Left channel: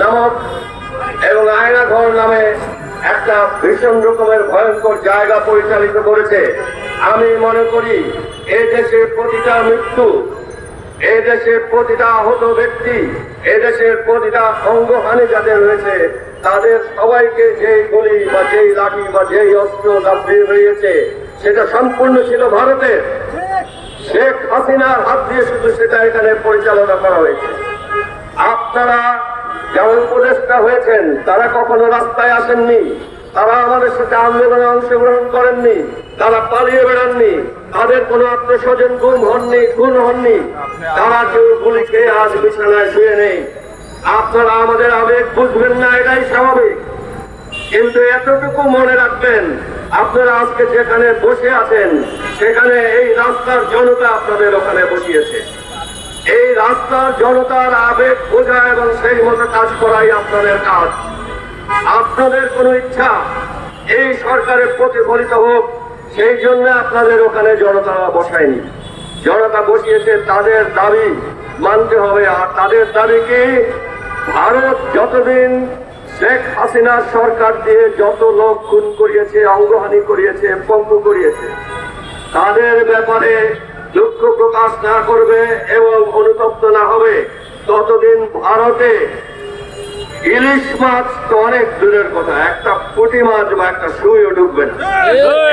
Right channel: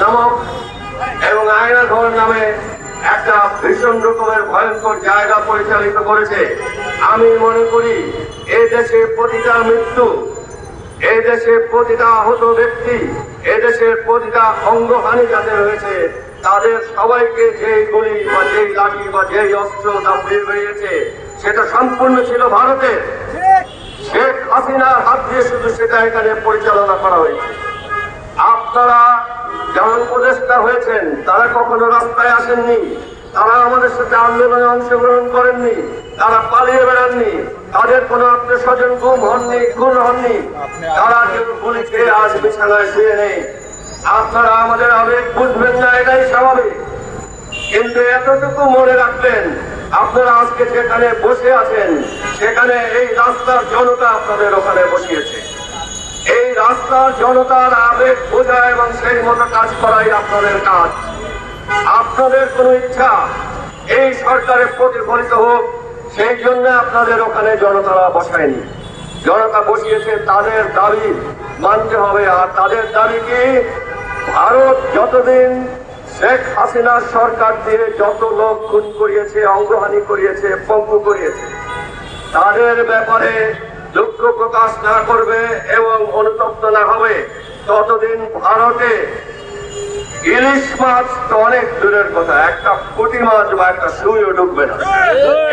নামক এবং আয়নাঘর নামে একটা ভীষণ রকমের ভয়ঙ্কর জায়গা পরিচালিত করেছে। আমি মনে করি এই দেশের প্রতিটা মৃত্যু এই দেশের প্রতিটা আহত ব্যক্তি এই দেশের প্রতিটা অঙ্গহানি যাদের রয়েছে, তাদের সবাইকে যেই গুলি বা যেই লাঠি বা যেই অস্ত্র দাপিয়ে বেরিয়েছে, সেটা সম্পূর্ণ ছিল ভারতের। শেখ হাসিনার হাত দিয়ে শুধু সেটা এখানে পরিচালনা করা হয়েছে। আপনারা যেমন উপদেষ্টা হয়েছেন, তারা কখনো রাস্তায় আসেননি। তারা আমাদের সাথে আন্দোলনে অংশগ্রহণ করেননি। তারা পালিয়ে বেড়াননি। তাদের কোনো আত্মীয় স্বজন গুম হননি, খুন হননি। তারা কেউ গুলি খেয়ে আজ বিছানায় শুয়ে নেই। আপনারা আমাদের আবেগ বুঝবেন না, এটাই স্বাভাবিক। কিন্তু এতটুকু মনে রাখবেন, আপনারা আজকে যেখানে বসে আছেন, সেখানে এই রাস্তার জনতা আপনাদের ওখানে বসিয়েছে। এই রাস্তার জনতার আবেগ, বোঝা এবং সেই মতো কাজ করাই আপনাদের কাজ। আপনাদের কোনো ইচ্ছা এই সরকারের প্রতিফলিত হোক, সেই জন্য আপনাদের ওখানে জনতারা বসায়নি। জনতা বসিয়েছে, তাদের দাবি মানতে হবে। আর তাদের দাবি কি? ভারত যতদিন শেখ হাসিনার সরকার দিয়ে যত লোক খুন করিয়েছে, অঙ্গহানি করিয়েছে, পঙ্গু করিয়েছে, তাদের ব্যাপারে দুঃখ প্রকাশ না করবে এবং অনুতপ্ত না হবে। ততদিন ভারতে ইলিশ মাছ তো অনেক দূরের কথা। একটা পুঁটি মাছ বা একটা সুইও ঢুকবে না।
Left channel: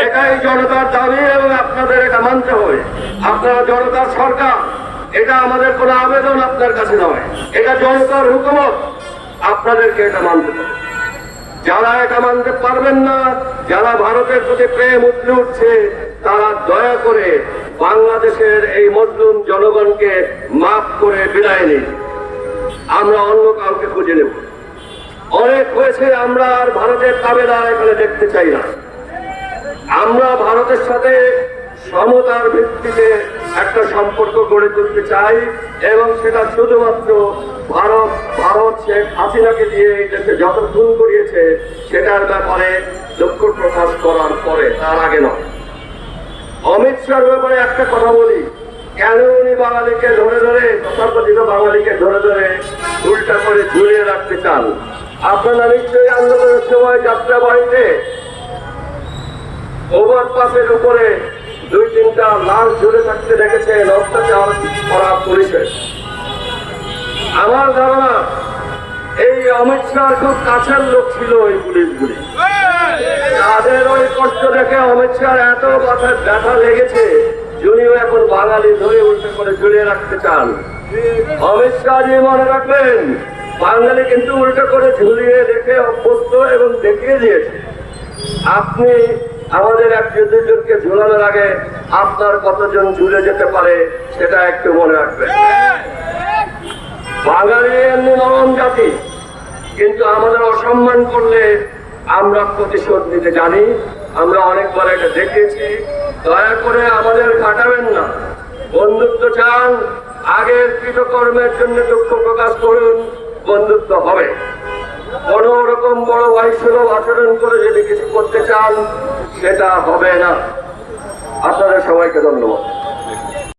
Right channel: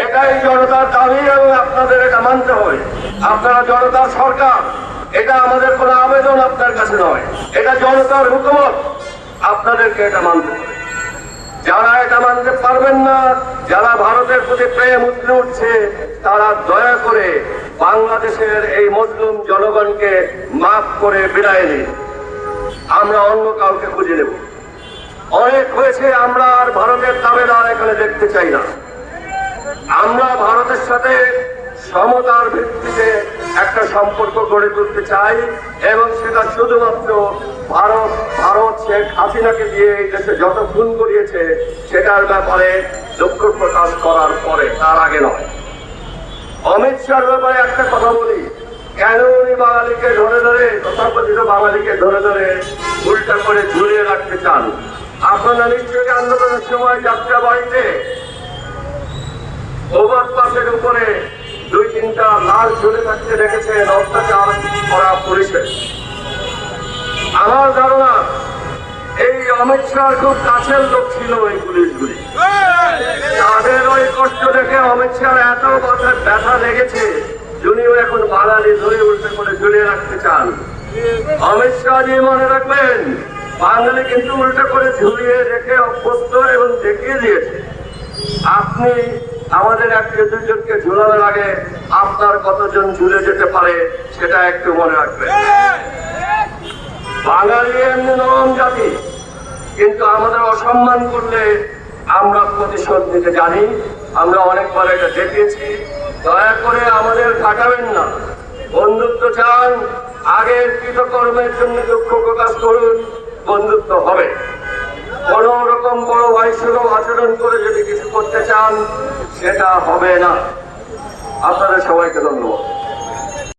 এটাই জনতার দাবি এবং আপনাদের এটা মানতে হবে। আপনারা জনতার সরকার এটা আমাদের কোনো আবেদন আপনার কাছে নয়। এটা জনতার হুকুমত। আপনাদেরকে এটা মানতে হবে। যারা এটা মানতে পারবেন না যারা ভারতের প্রতি প্রেম উঠলে উঠছে তারা দয়া করে বাংলাদেশের এই মজলুম জনগণকে মাফ করে বিদায় নিন। আমরা অন্য কাউকে খুঁজে নেব। অনেক হয়েছে, আমরা আর ভারতের দাবেদার এখানে দেখতে চাই না। আমরা ভারতের সাথে সমতার ভিত্তিতে একটা সম্পর্ক গড়ে তুলতে চাই এবং সেটা শুধুমাত্র ভারত ভারত শেখ হাসিনাকে দিয়ে এই দেশে যত খুন করিয়েছে সেটার ব্যাপারে দুঃখ প্রকাশ করার পরে, তার আগে নয়। অমিত শাহর ব্যাপারে একটা কথা বলি। কেন উনি বাঙালিকে ধরে ধরে, তথাকথিত বাঙালিকে ধরে ধরে উল্টা করে ঝুলিয়ে রাখতে চান? আপনারা নিশ্চয়ই আন্দোলনের সময় যাত্রা বাড়িতে ওভারপাসের উপরে দুই তিনটা লাল ঝুলে থাকতে দেখেছেন, অত্যাচার করা পুলিশের। আমার ধারণা অমিত খুব কাছের লোক ছিল ওই পুলিশগুলি। তাদের ওই কষ্ট দেখে অমিত শাহ এত মাথায় ব্যথা লেগেছে যিনিও এখন বাঙালি ধরে উল্টে করে ঝুলিয়ে রাখতে চান। অমিত শাহজি মনে রাখবেন, বাঙালি কিন্তু উল্টো করে ঝুলিয়ে রেখে অভ্যস্ত এবং দেখিয়ে দিয়েছে। আপনি আমাদের একজন দুজনকে ঝুলানোর আগে আপনার কতজন ঝুলে যেতে পারে, সেটা একটু মনে রাখবেন। বাঙালি এমনি নরম জাতি। কিন্তু আমাদের অসম্মান করলে আমরা প্রতিশোধ নিতে জানি। আমরা অনেকবার এটা দেখিয়েছি। দয়া করে আমাদের কাটাবেন না। বন্ধুত্ব চান, আগের কৃতকর্মের জন্য দুঃখ প্রকাশ করুন, বন্ধুত্ব হবে। কোন রকম বড় ভাই সুলভ আচরণ করে যদি কিছু করতে চান, সেটা হবে না। আপনাদের সবাইকে ধন্যবাদ।